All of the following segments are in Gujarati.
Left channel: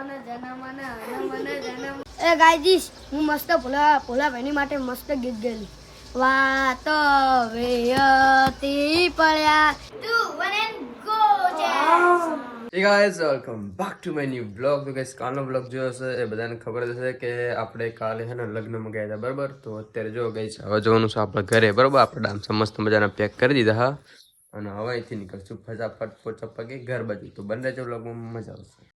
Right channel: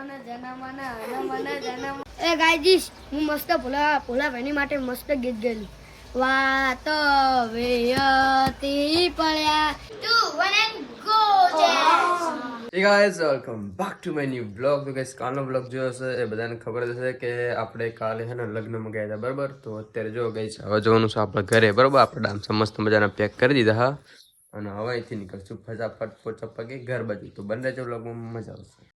એ ગાયજીસ હું મસ્ત ભોલા ભાઈની માટે મસ્ત ગીત ગયેલું. વાતો વેયતી પડ્યા તું one go Hey guys, welcome back to my new vlog. તો guys કાલનો vlog જોયો હશે એ બધાને ખબર જ હશે કે આપણે કાલે છે ને લગ્નમાં ગયા હતા બરાબર. તો અત્યારે જો guys હવે જવાનું છે આપણે ઘરે બરાબર. આપણે ડાન્સ મસ્ત મજાના પેક કરી દીધા હા અને હવે અહીંથી નીકળશું ફટાફટ પોચા પગે ઘર બાજુ. તો બને રહેજો vlogમાં, મજા આવશે.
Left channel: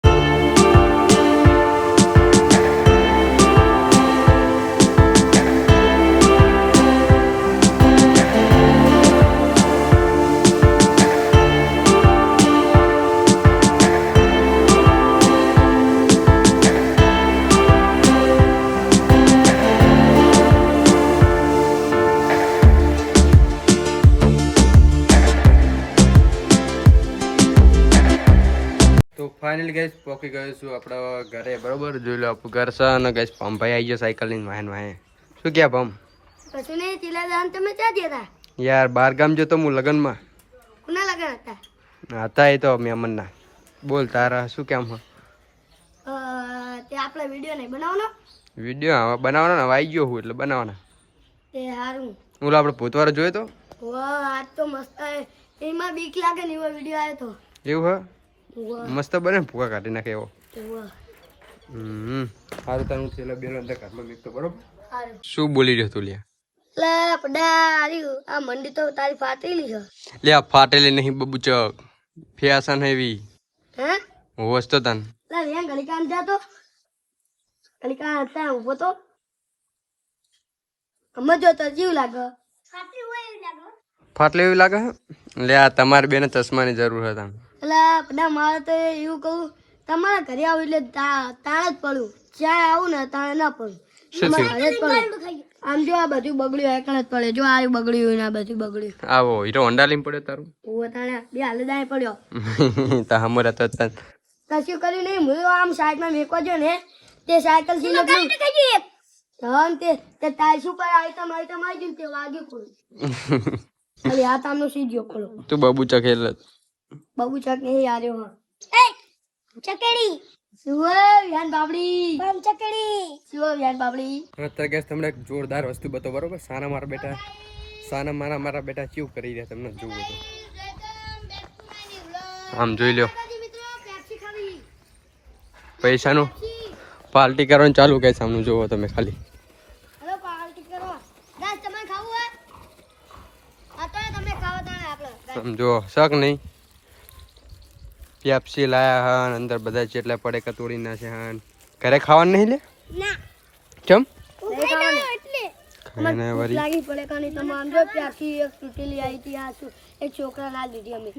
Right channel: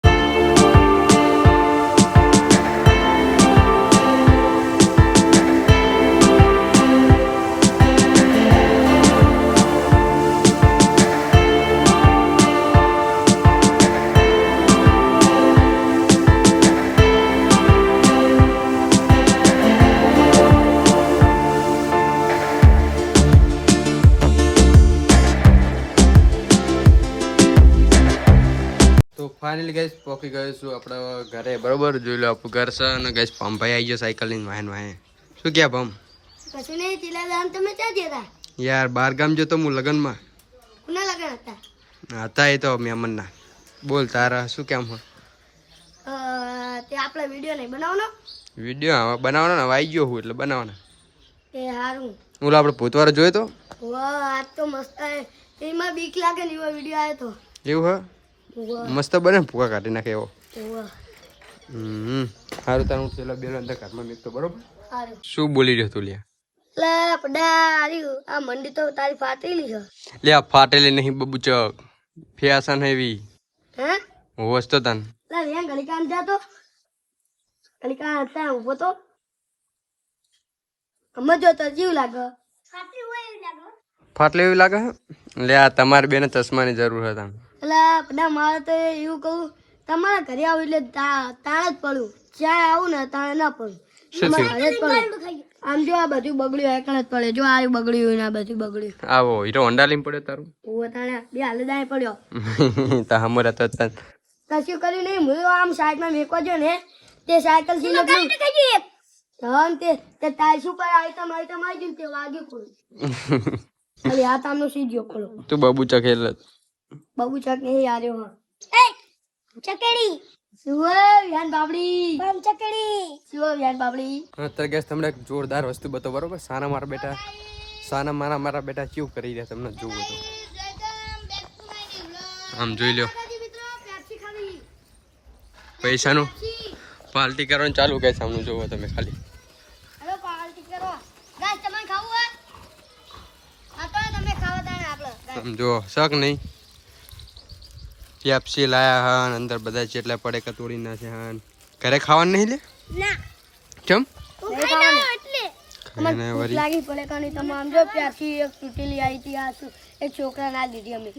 ફાઇનલી ગાઈસ પહોંચી ગયો છું આપણા ઘરે બરોબર. જોઈ લો આપણું ઘર છે અને ગાઈસ પંભાઈ આવી ગયો સાયકલ લઈને વાહન વાહે. શું ક્યાં પંપ કશું નહીં. ચીલા દાન તમે ક્યાં ગયા યાર બહાર ગામ જતો હું લગનમાં. કોના લગન હતા? હતા એ તો મેમનના. બોલ તારા શું કામ હે? તે આપણે વિડિયો નહીં બનાવવાનો? વિડીયો હવે બનાવવાનો ને આવી ગયો હું એટલે બનાવવાના. તે સારું. ઓલો આપણે ભૂતવારો જોયો તો વાહ આજ તો મસ્ત એમાં બીક લાગે ને એવો વિડિયો આવ્યો તો. એવું હે મસ્ત બને ભૂકા કાઢી નાખે એવો. સારું તારું પેલા બેનો અંદર કાઢમાં મીકતો બરોબર. શું બોલી રહ્યો તું લ્યા? લે પડારી આ મંડી તો તારી ફાટેલી છે. લે આ ફાટેલી નહીં બબુચક ફેશન હેવી હે હોસ તો તન. લે વેં ગલીકાન જાતો ગલીકાન હતા ઉભો તો સમજો તો જીવ લાગે. ફાટલે એવી લાગે હે? લે આ તમારી બેને ચશ્માની જરૂર હતા. એટલે પડા મારે તો એવું કહું તમારા ઘરે આવું એટલે તાણે જ પડું. જ્યાં આવું ને તાણે ના પડું. ઘરે જ પડું. આમ જો આ બધું બગડ્યું એકણ જ પડે. જો આ બગડ્યું ને આ બધું બગડ્યું. આવો હીરો હોન્ડા લઈને પડ્યો તારું. ઓ તાણે બે હાલ દાય પડ્યો. તા હમરા તો તન કશું કર્યું નહીં. હું આમ સાઈડમાં મેકો જો ને તે સાયકલ થી લગન હમ તે ટાઈસ ઉપર આઈટમ આવી ગયું તે વાગ્યું કોઈ. અરે આ તામનો સીજો ખોલો. તું બબુચક ખેલ બાબુ ચક નહીં આર્યો હા. એ ચકેડી સુવો વ્યાન બાબડી બમ ચકેડી સુવો વ્યાન બાબડી. અત્યારે ગેસ તમને એક જોરદાર વસ્તુ બતો બરોબર. સાના મારા બેટા કેવું કરી રહ્યા તમને જોવું તો આમ જોઈ લ્યો. પૈસાનું પાર્ટી કરવાનું ચાલુ કે સામે જોવો તમે ખાલી. હેલો પાર્ટી કરો ગાઈસ. તમારે ખાવું હે આ તો તમે ખાવા તાણે આપણે સમજો શક નહીં. પેપ્સી લાયા હન અંદર બધા જેટલા પડે કતોડી નાખે હન. ઘરે ખાવાનું નહીં લે ના કેમ એટલે ખાઈને વરી લાગી પડે કાની તમામ જો પ્યાસી એક તૂટેલી આવી હતી આ શું એ છોકરા ના દીધી અમે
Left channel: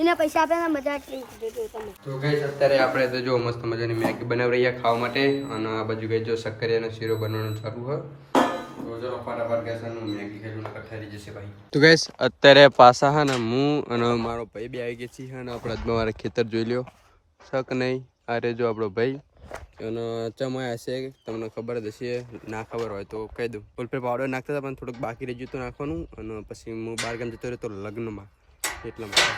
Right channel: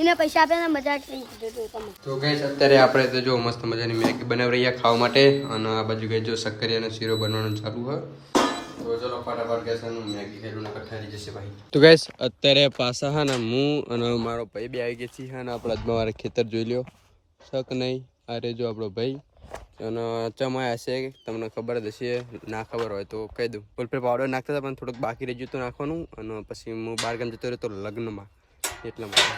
એને પૈસા આપે ને મજા થઈ દીધું તમે. તો ગાઈસ અત્યારે આપણે તો જો મસ્ત મજાની મેગી બનાવી રહ્યા ખાવા માટે અને આ બાજુ ગાઈસ જો શક્કરિયાનો શીરો બનવાનું ચાલુ છે. તો ચલો ફટાફટ ગેસ મેગી ખેલું નકર ઠરી જશે ભાઈ. તો ગાઈસ અત્યારે પાછા હા ને હું અને મારો ભાઈ બે આવી ગયા છીએ અને આપણે અજમા મારા ખેતર જોઈ લ્યો. શક નહીં આ રે જો આપણો ભાઈ અને ચમાયા હશે તમને ખબર જ હશે. ના ખબર હોય તો કહી દઉં. ફૂલફેર પાવડર નાખતા હતા પણ થોડુંક બાકી રહી ગયું હતું નાખવાનું અને પછી હું બહાર ગામ જતો રહ્યો તો લગ્નમાં એટલા માટે.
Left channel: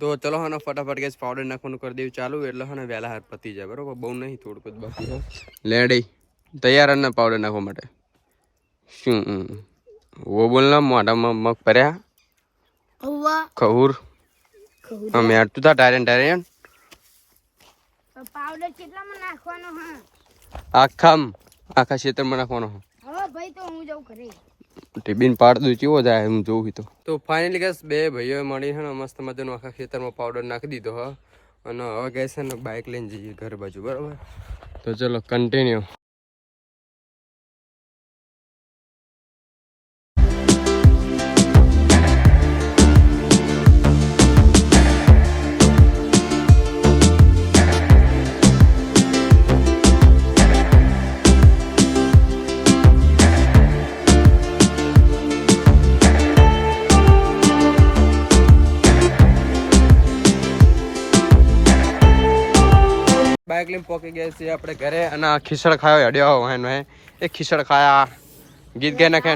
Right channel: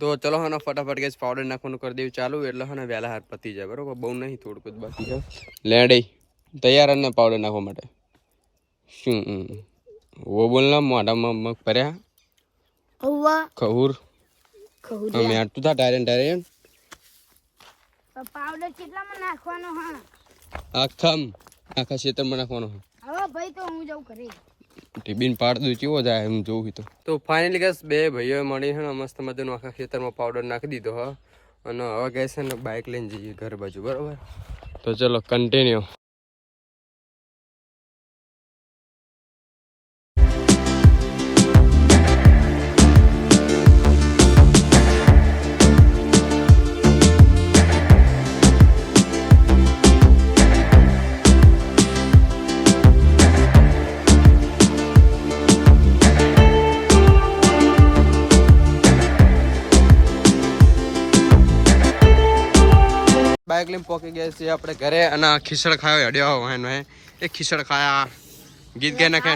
તો ચલો હા ફટાફટ ગેસ પાવડર નાખવાનું કરી દેવું ચાલુ એટલે હા ને વહેલા હાર પતી જાય બરોબર. બહુ નહીં થોડુંક જ બાકી છે. લેડી તૈયાર અને પાવડર નાખવા માટે શું વો બોલના મોઢામાં મગ ભર્યા ખહુર અમે આટલું થા ટાયરન પાવડર કેટલામાં નાખવાનો હા? આખા ક્ષેત્રમાં નાખવાનો. હવે ભાઈ તો હું જાઉં ઘરે. ટીબીન પાડ દઉં કેવો જાય એમ જોવું તો ફાઇનલી ગેસ બે ભાઈઓ મળી છે ને મસ્ત મજાનું આખા ખેતરમાં પાવડર નાખી દીધો હા અને હવે ગેસ છે ને બાઇક લઈને જઈએ ઘર બાજુ બરોબર. તો ચલો કન્ટિન્યુ. બાઇક લઈને પોકી ગયા છીએ આપણે ઘરે અને ખીચડ ખાયો હેડ્યો વાહન વાહે. એ ખીચડ ખાયા ગીત ગાઈ નાખે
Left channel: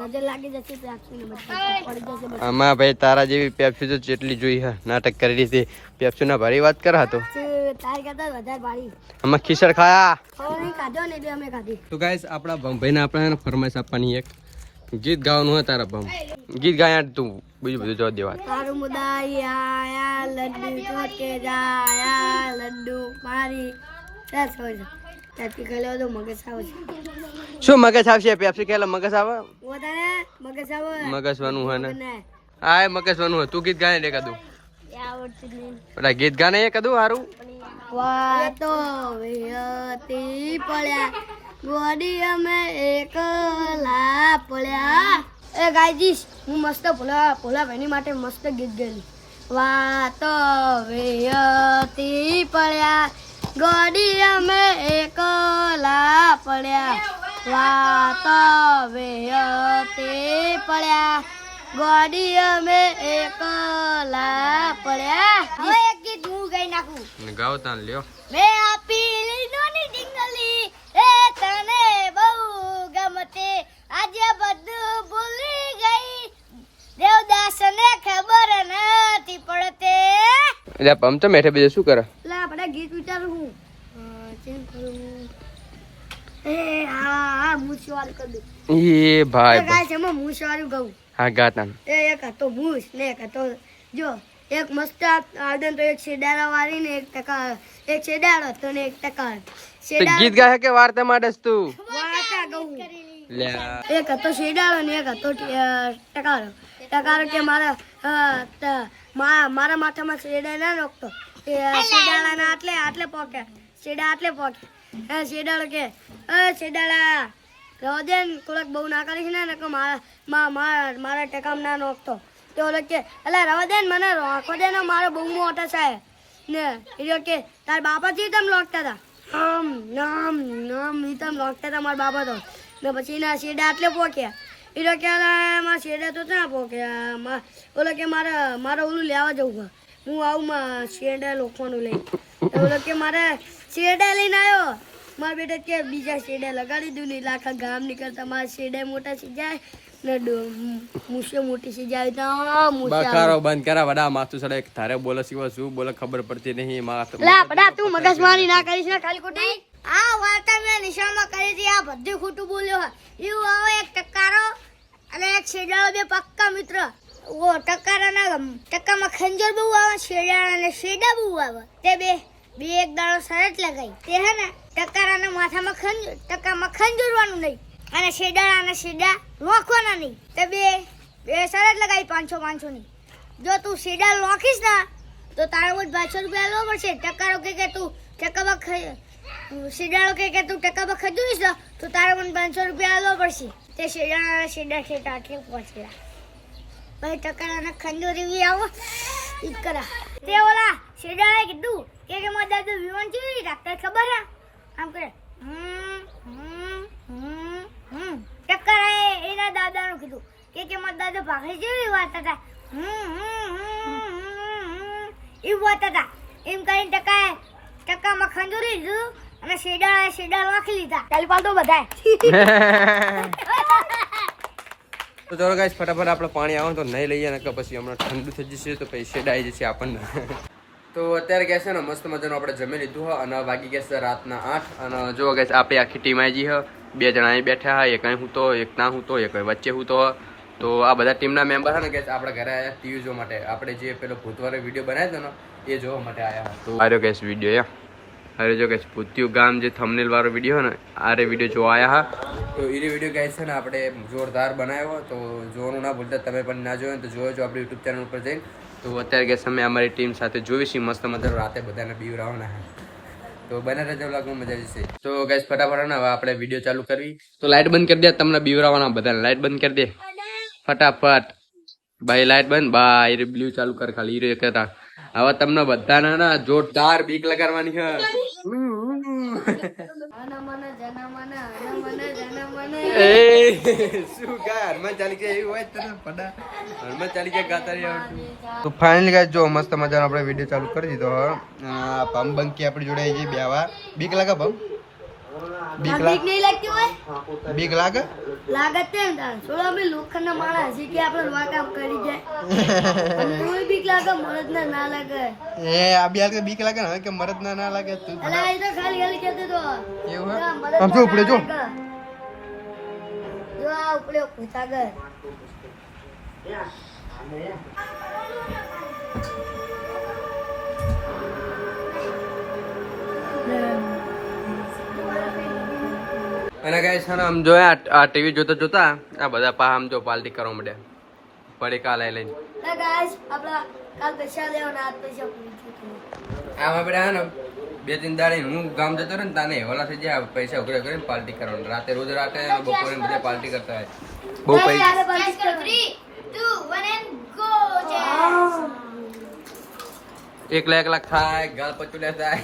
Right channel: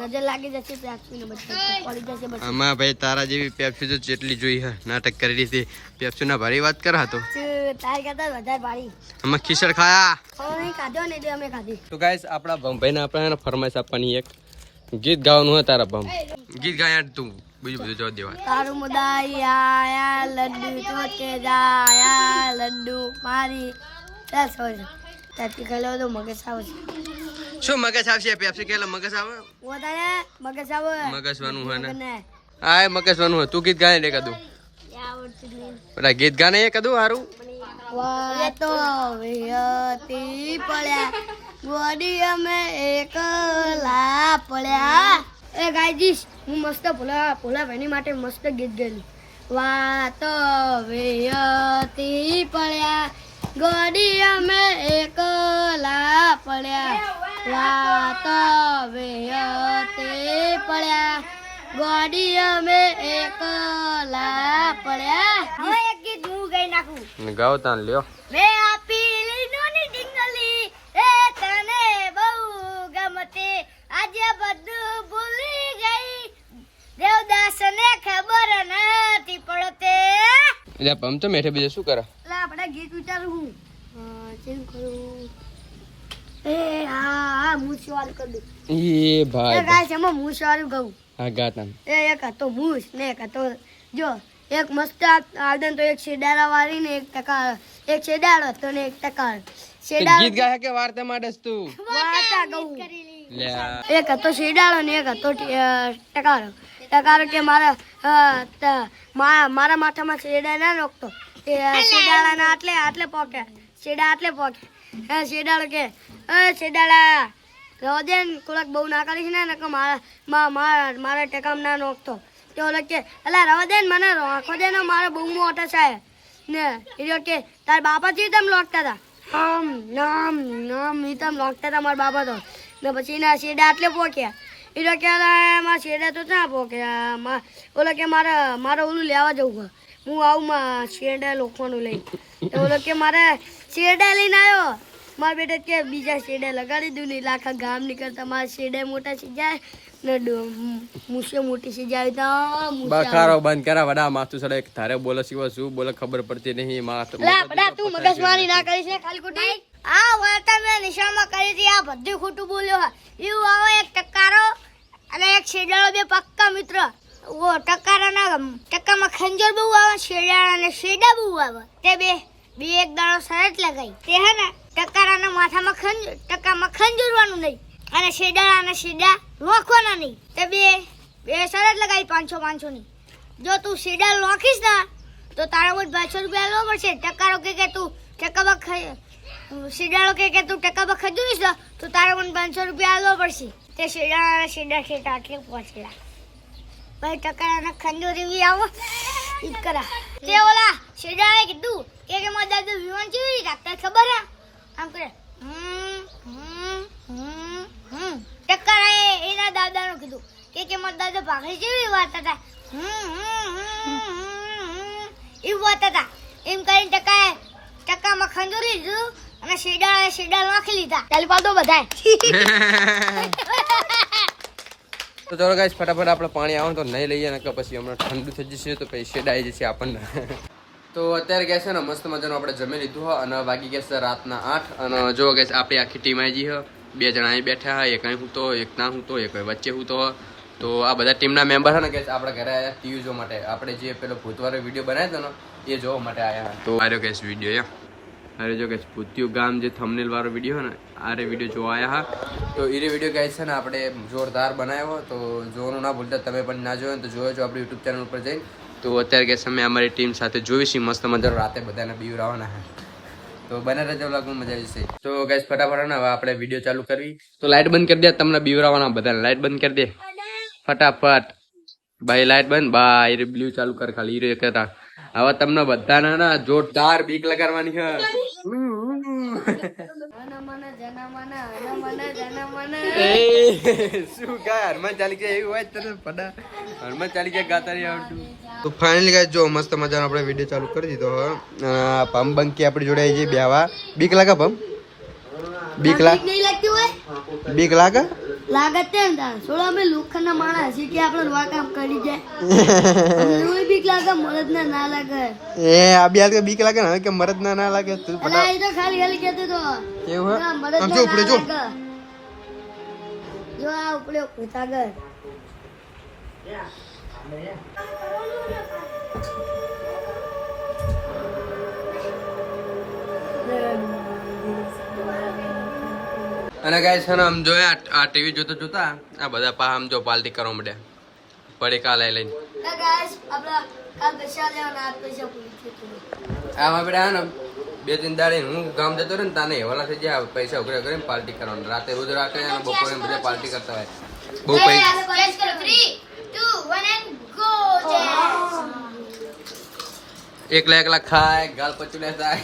નજર લાગી જશે પેપ્સી ને બધું પડી જશે બધું. આમાં ભાઈ તારા જેવી પેપ્સી તો જેટલી જોઈ હે નાટક કરી હતી પેપ્સી ના ભારી વાત કરા તો તાર કરતા વધારે ભારી. આમાં ખીચડ ખાયા ખાવાની ખાધો ને એટલે અમે ખાધી. તો ગાઈસ આપણા ભમભાઈ ને આપણે ફરમાઈશ આપવાની એક ગીત ગાવાનું હોય તારા ભમ ગીત ગાયા તું બીજું બધું જવા દેવા. તારું મુદાઈ આયા લડ્ડુ ચોટે જાયા લડ્ડુ મારી બસ હોય ત્યાંથી ખાઈ તો મગજ આવે છે. શું મગજ આવશે પેપ્સી ખેલા મગજ આવે વધારે મગજ આવે મગજવાનું હોય ને હા મગજવાનું હોય તું ગીત ગાને રે કદું આવડતું જ નહીં. પેલા ગીત ગાને એ કદું હારું વાતો વિહતી પડ્યા ગોડી અમે એકલા પડ્યા. એ ગાયજીશ હું મસ્ત ભોલા ભાઈની માટે મસ્ત ગીત ગયેલી. વાતો વિહતી પડ્યા ગોડી અમે એકલા પડ્યા વાતો વિહતી પડ્યા ગોડી અમે એકલા પડ્યા. હવે એક ગીત હું ગાઈ નાખું. ગાવ તાન લ્યો. મેં આપી લીનોની ડીંગલી એ તને બહુ ગમતી આજે બધું ભૂલી ગઈ દેવદાસને ખબર નથી પડતી. એટલે પમ તો મેઠે બીજું શું કરે એટલે આપણે ગીત વિચારું હું ચેન્જ કરું. એ હા હું સવાલ કરી દઉં. એ ભાઈ ગાય એમાં હું સવાલ કહું. હા ગાતાન એ એક હતો મૂસ ને એક હતો જો એક મસ્ત આદન તો એક શેડાળા વાળી ને એક ટકા એક શેડાળો હતો ને એક ટકા ગીત ગાય કે વાર્તા માટે તું વાર્તા કહું. લ્યા એક હતો શેડાળો ને એક હતો ટકારો. ટકારો કે મારા માથામાં શેડા ના રોકતો તે શેડાળા ના આટલે પોકે શેડા આટલે પોકે. શેડાળો કે શેડાળા રોદેન કોલક બહુ ના કરીશ ને મારા ટકામ ના નોખતો તે ઓલો કે અલા રોદેન મને રાખો દે ને મારે બહુ મોટા સાહેબ ને એ કે તાર બાપા થી તમે લોકતા હતા આમ નામ નામ ઈ તમે લોકતા હતા મારા બાપા તો ને પછી એના શેડા આટલે પોક્યા. એ કે મારા શેડા તો ક્યાં પોક્યા ઓલો કે મારે ઓલું લેવા જવું હું આવું શેડા લોખવાનું લઈ ઓલો કે મારે શેડા લઈને આવ્યો મારા બેટા કે બીજા શેડા લગાડી દઉં ને આખા ગામ નીકળતા મારા શેડા મોટા થઈ જાય ને મૂછે મોટી થઈ જાય તો બખારો બંધ કરા વડા માથું સડે તારે બોલે સિવાય શું બોલે ખબર પડતી નહીં તું મગજમારી ના કરીશ ને કાલી ખોટી. આ વાર્તા મેં નિશાળમાં કરી હતી આ બધું ખોટું બોલ્યો એવું આવે એક ટકારો અને એક શેડાળો બે પક્કા મિત્ર. ઓ ટકારાના ટકામાં ખંજર બહુ આવે શેડાળા ને શેડા બહુ આવે તે બે એક દાડો શરત લગાઈ તે હે ને ટકારાના માથામાં ટકામાં ખંજરવાનું નહીં અને શેડાળાના શેડા લોખવાના નહીં તે બે શરત લગાઈ 500 ની. જો તું શેડા લોખીશ ને તો તારા મુજ 200 રૂપિયા લો પડશે. ટકારો કે તું ટકામાં શેડાળો કે તું ટકામાં ખજૂરીશ ને તો તારા મુજ 500 રૂપિયા લો પડશે. તે શેડા ખેતા આટલે પહોંચેલા ભાઈ ટકાના ખંજોરી બી આવો ઈદ કરા. તે ઓલા શેડાએ કીધું કે મારા દાદુ વિમાન કેવી રીતે રાખતા ખબર હે આમ કરે ટકારાએ એના દાદાનું કીધું કે મારા દાદા ભાખરી કેવી વાર્તા હતા એવું વાર્તા હતા એમ કરીને ટકામાં ખંજોરી લીધું અને શેડા નાખી લીધા. ચાલ તો બધા તો ચાલો ગાઈસ ફટાફટ આપણે પાણી આવે તો નહીં લઈએ ને પછી હમણાં ઠંડુ થઈ જશે તો પછી શેડ આવી જશે આપણને. તો અત્યારે ગયા છે ને મસ્ત મજાનું આપણે જમી લીધું હોય અને વાગી ગયા છે રાતના 8 અને જો ગાઈસ આપણી આખી ટીમ આવી ગઈ હોય. 2 જણા અહીં બેઠા હોય એક અહીં હું તો એક ના હું તો એક વચ્ચે હું તો આ બધા ટીમના મેમ્બર છે ને ગાઈસ આપણા ઘરે આવ્યા ટીવી જોવા માટે. આપણે જે પેલો ભૂતવાળો વિડીયો બનાવ્યો હતો ને એ જોવા માટે આવ્યા. તો આવ્યો ગાઈસ વિડીયો અરે જો ગાઈસ ભૂતિયું ગામ જે થંબનેલ વાળો વિડીયો ને આરે વિડીયો જોવા આવ્યા હા. તો એ વિડીયો ગાઈસ છે ને આપણે જોરદાર બનાવ્યો તો જોવાનું ના ભૂલતા. તમે પણ ના જોયો તો જોયો છો આપણી યુટ્યુબ ચેનલ ઉપર જઈને. તો અત્યારે ગાઈસ અમે અમારી ટીમ સાથે જોઈશું મસ્ત મજાનું રાતે બધાને બીવરાવવાના હા. તો બને રહેજો લાગુ મજા આવશે. તો ગાઈસ ફટાફટ ને હવે આપણે વિડીયો ચાલુ કરવી. તો લાઈટ બંધ કરી દે તમને બીવરાવવાના બધાને લાઈટ બંધ કરી દે ફટાફટ ભાઈ લાઈટ બંધ બાય બ્લુ ચાલુ કર ખાલી હીરો કરતા. હવે તમને બધાને ના જોરદાર બીક લગાડવાની છે. શું ગાય હનુમાન ચાલીસા એવી હોય તને પડા હનુમાન ચાલીસા ગાતા રહી આવડતું. તો ફાઇનલી ગાઈસ જો મસ્ત મજાનો આપણે વિડીયો ચાલુ કરી દીધો. પમ બંકી આપણી જોડે આવી બેવા બીક લાગે પમ બીક બીક નહીં લાગતી હોય બીક લાગે લાગે તે ને તાર થોડા અમે લોખંડના માણસ છે કે આપણે વા કામ કરી જાય અમને એવું બીક લાગે મળદ ના લાગે એ આ બે કે બીક લાગે ને કે મરદ ના લાગે તું અલા એ તો ખાલી ખાલી કહેતો તો એવું ના, મરદ આમ જો ઉપડે જો જો આ ઉપડે સાગર અને ગાઈસ છે ને આમ જોયા આ ટીવી જોતા જોતા આ બધા પા આમ જો પાર્ટી કરવા માંડ્યા પડી કાલ લઈને ના ગાઈસ આપડા કાલ પૈસા લેવાના આજ પૈસા પૂરી થયું આમાં આપણે હા ને 2-3 દાડે હું ગામ જતો રહ્યો ને તાને હેવાલા થઈ જાય પૈસા ઉઘરા કરીને પાર્ટી કરવાનું રાતે રોજ રાતે અને બપોરે બધા પાર્ટી કરતા હોય બહુ પૈસા 3, 2, 1 and go એકલા ખાય ગાલ પચું લેતા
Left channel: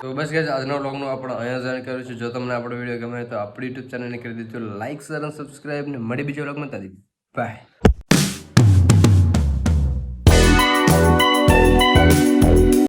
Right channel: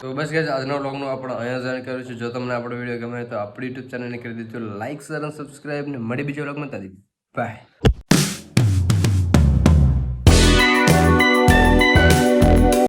તો બસ ગાઈસ આજનો વ્લોગનો આપણે અહીંયા જાણ કર્યું છે જો તમને આપણો વિડીયો ગમે તો આપણી યુટ્યુબ ચેનલને કરી દેજો લાઈક શેર અને સબસ્ક્રાઇબ ને મળી બીજો વ્લોગમાં તારી બાય